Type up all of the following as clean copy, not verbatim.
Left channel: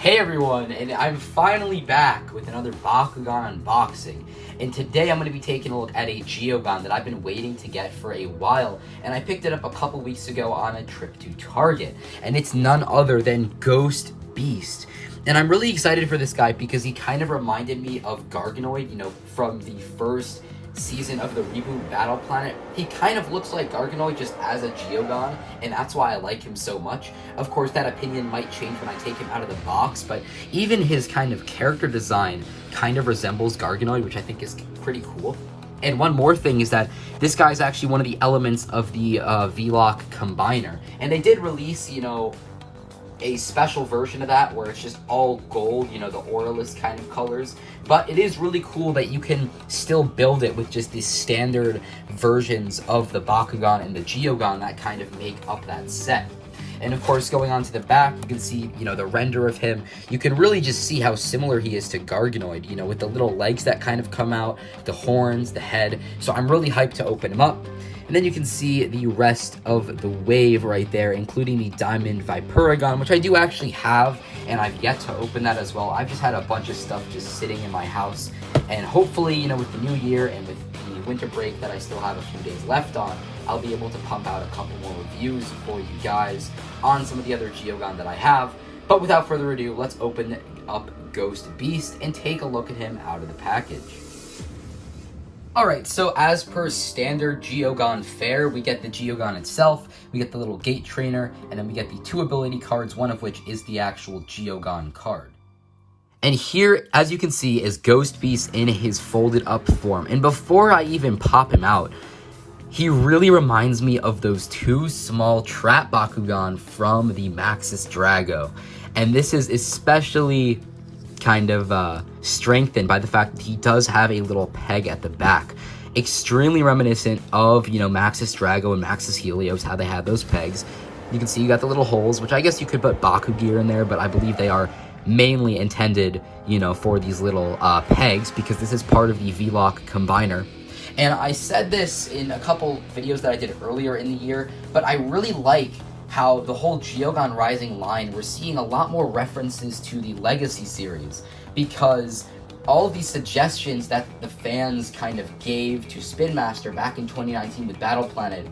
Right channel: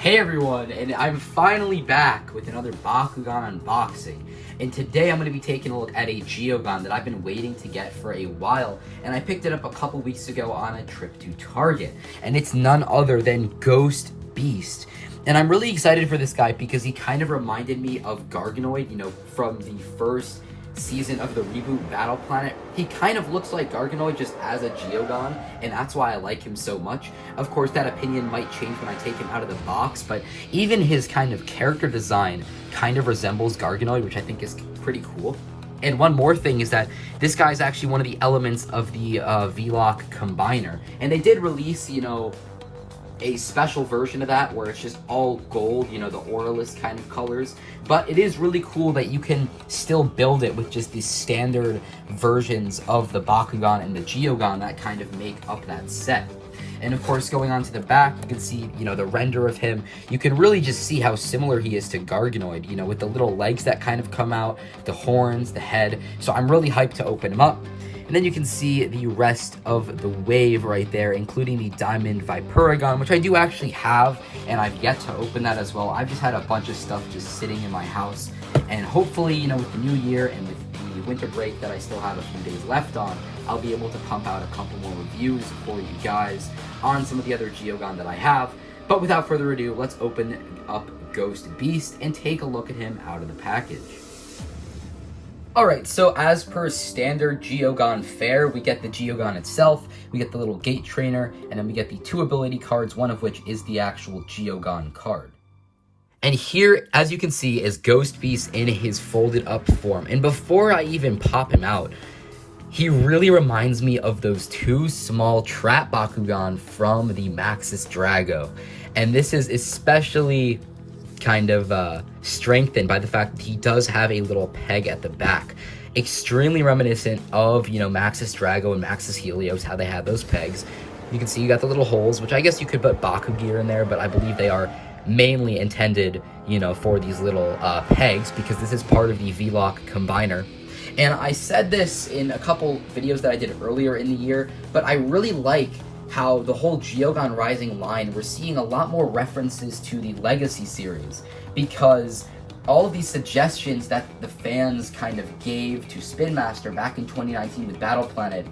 Hey everyone, and I'm finally back with another Bakugan unboxing. And today I'm going to be taking a look at a Geogan that I've been waiting to get for a while. And I picked it up a couple weeks ago on a trip to Target. And it's none other than Ghost Beast. And I'm really excited for this guy because he kind of reminded me of Garganoid, from the first season of the reboot Battle Planet. He kind of looks like Garganoid just as a Geogan, and that's why I like him so much. Of course, that opinion might change when I take him out of the box, but even his kind of character design kind of resembles Garganoid, which I think is pretty cool. And one more thing is that this guy is actually one of the elements of the V-Lock Combiner. And they did release, a special version of that where it's just all gold, the Auralist kind of colors. But it is really cool that you can still build it with just the standard versions of the Bakugan and the Geogan that kind of make up that set. And of course, going on to the back, you can see, the render of him. You can really just see how similar he is to Garganoid, with the little legs that kind of come out, the horns, the head. So I'm really hyped to open him up. And then you can see the rest of the wave right there, including the Diamond Vipuragon, which I do actually have, and I've yet to open that as well. I've just had a bunch of stuff just sitting in my house, and hopefully, with the new year and with the winter break that I still have a few days left on, I'll be able to pump out a couple more reviews for you guys on some of the other Geogan that I have. But without further ado, let's open up Ghost Beast and take a look at him out of the package. Alright, so as per standard Geogan fare, we get the Geogan itself, we get the little gate trainer, and then we get the two ability cards, one of which is the actual Geogan card. And here, as you can see, is Ghost Beast in his folded up form. And before I even pop him out, he really reminds me of those two small trap Bakugan from the Maxis Drago. And this is especially kind of strengthened by the fact that he does have a little peg at the back. Extremely reminiscent of, Maxis Drago and Maxis Helios, how they have those pegs. You can see you got the little holes, which I guess you could put Baku gear in there, but I believe they are mainly intended, for these little pegs, because this is part of the V-Lock Combiner. And I said this in a couple videos that I did earlier in the year, but I really like how the whole Geogan Rising line, we're seeing a lot more references to the Legacy series, because all of these suggestions that the fans kind of gave to Spin Master back in 2019 with Battle Planet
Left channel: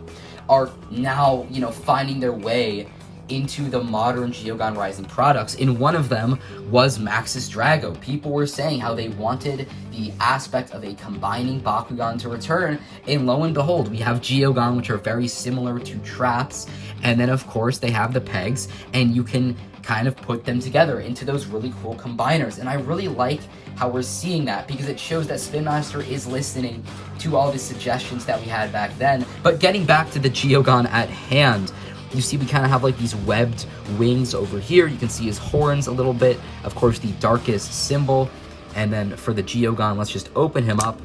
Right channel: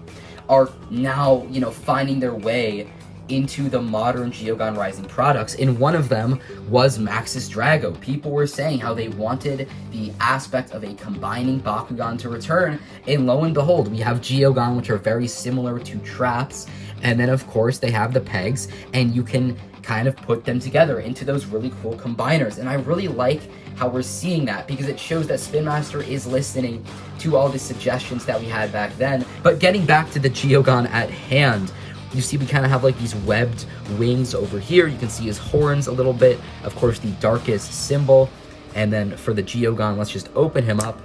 are now, finding their way into the modern Geogan Rising products, and one of them was Maxis Drago. People were saying how they wanted the aspect of a combining Bakugan to return, and lo and behold, we have Geogan, which are very similar to traps, and then of course they have the pegs, and you can kind of put them together into those really cool combiners. And I really like how we're seeing that, because it shows that Spin Master is listening to all the suggestions that we had back then. But getting back to the Geogan at hand, you see we kind of have like these webbed wings over here. You can see his horns a little bit. Of course, the DARKUS symbol. And then for the Geogan, let's just open him up.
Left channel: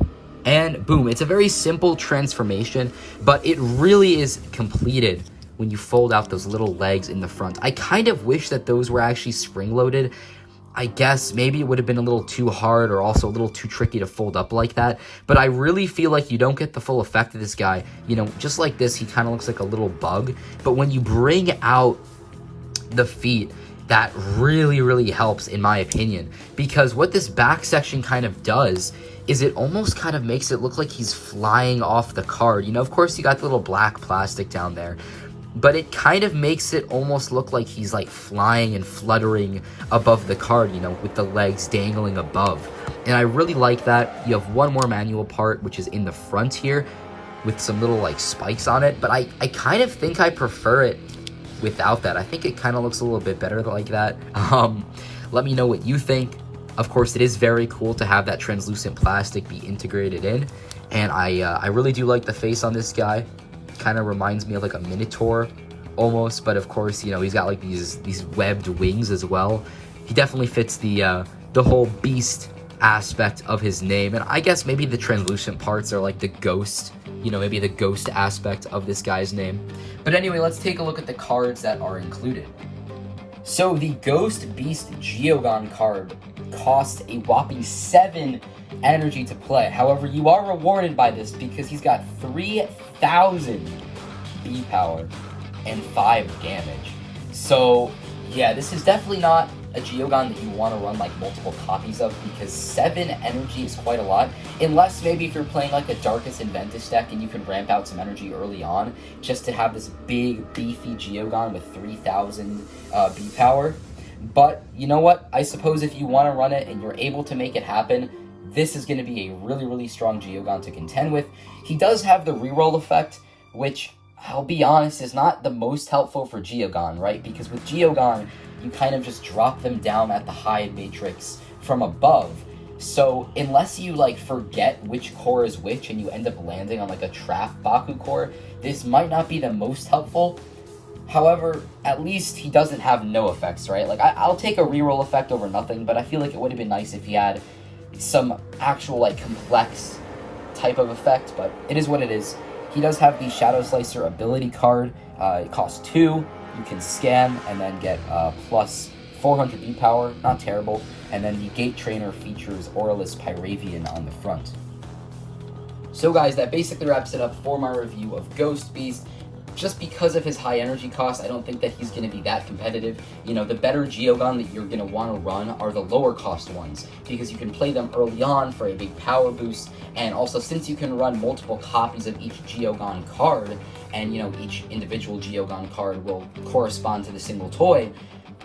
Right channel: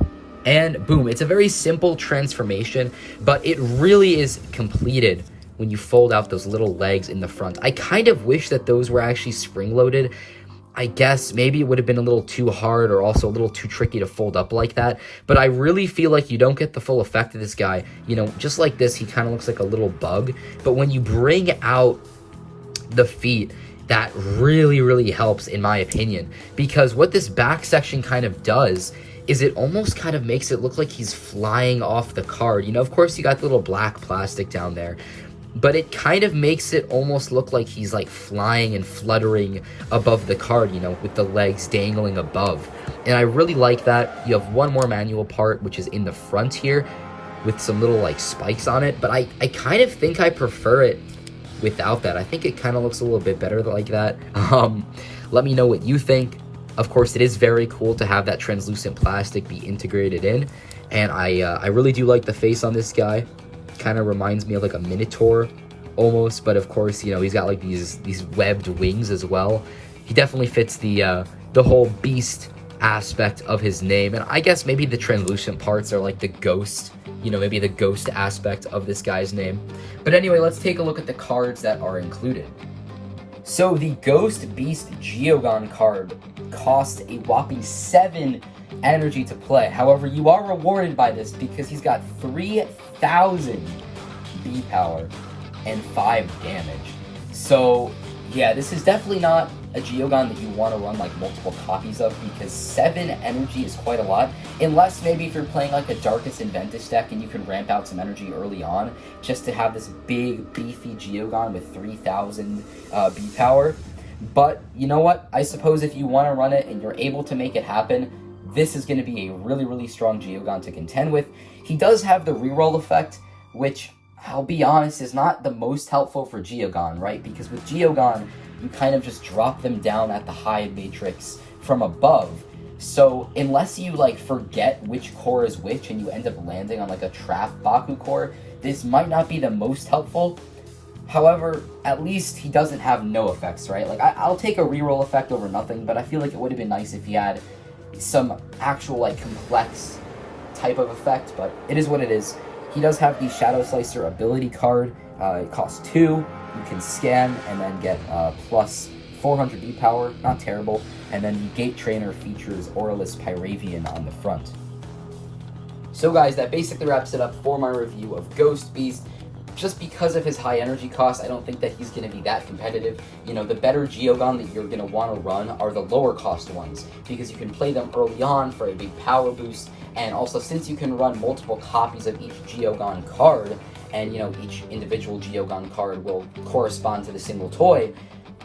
And boom, it's a very simple transformation, but it really is completed when you fold out those little legs in the front. I kind of wish that those were actually spring-loaded. I guess maybe it would have been a little too hard, or also a little too tricky to fold up like that. But I really feel like you don't get the full effect of this guy. Just like this, he kind of looks like a little bug. But when you bring out the feet, that really, really helps, in my opinion. Because what this back section kind of does is it almost kind of makes it look like he's flying off the card. Of course, you got the little black plastic down there, but it kind of makes it almost look like he's like flying and fluttering above the card, with the legs dangling above. And I really like that. You have one more manual part, which is in the front here with some little like spikes on it, but I kind of think I prefer it without that. I think it kind of looks a little bit better like that. Let me know what you think. Of course, it is very cool to have that translucent plastic be integrated in, and I really do like the face on this guy. Kind of reminds me of like a Minotaur almost, but of course, he's got like these webbed wings as well. He definitely fits the whole beast aspect of his name, and I guess maybe the translucent parts are like the ghost, maybe the ghost aspect of this guy's name. But anyway, let's take a look at the cards that are included. So the Ghost Beast Geogan card costs a whopping 7 energy to play. However, you are rewarded by this because he's got 3,000 B power and 5 damage. So yeah, this is definitely not a Geogan that you want to run like multiple copies of, because 7 energy is quite a lot, unless maybe if you're playing like a Darkus Inventus deck and you can ramp out some energy early on just to have this big beefy Geogan with 3000 B power. But you know what, I suppose if you want to run it and you're able to make it happen, this is going to be a really strong Geogan to contend with. He does have the reroll effect, which, I'll be honest, is not the most helpful for Geogan, right? Because with Geogan, you kind of just drop them down at the high matrix from above. So unless you like forget which core is which and you end up landing on like a trap Baku core, this might not be the most helpful. However, at least he doesn't have no effects, right? Like, I'll take a reroll effect over nothing, but I feel like it would have been nice if he had some actual, like, complex type of effect, but it is what it is. He does have the Shadow Slicer ability card. It costs 2. You can scan and then get plus 400 B power. Not terrible. And then the Gate Trainer features Aurelus Pyravian on the front. So guys, that basically wraps it up for my review of Ghost Beast. Just because of his high energy cost, I don't think that he's going to be that competitive. You know, the better Geogan that you're going to want to run are the lower cost ones, because you can play them early on for a big power boost, and also since you can run multiple copies of each Geogan card, and you know, each individual Geogan card will correspond to the single toy,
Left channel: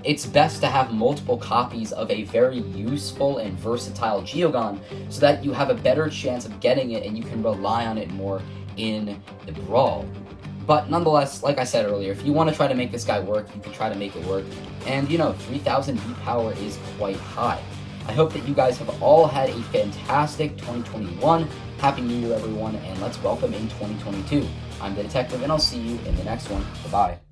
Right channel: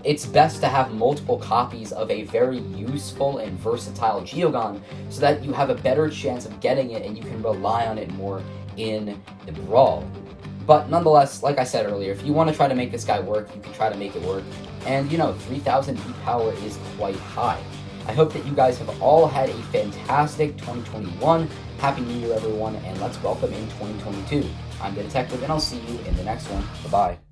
it's best to have multiple copies of a very useful and versatile Geogan, so that you have a better chance of getting it and you can rely on it more in the brawl. But nonetheless, like I said earlier, if you want to try to make this guy work, you can try to make it work. And, you know, 3000 B power is quite high. I hope that you guys have all had a fantastic 2021. Happy New Year, everyone, and let's welcome in 2022. I'm the Detective, and I'll see you in the next one. Bye-bye.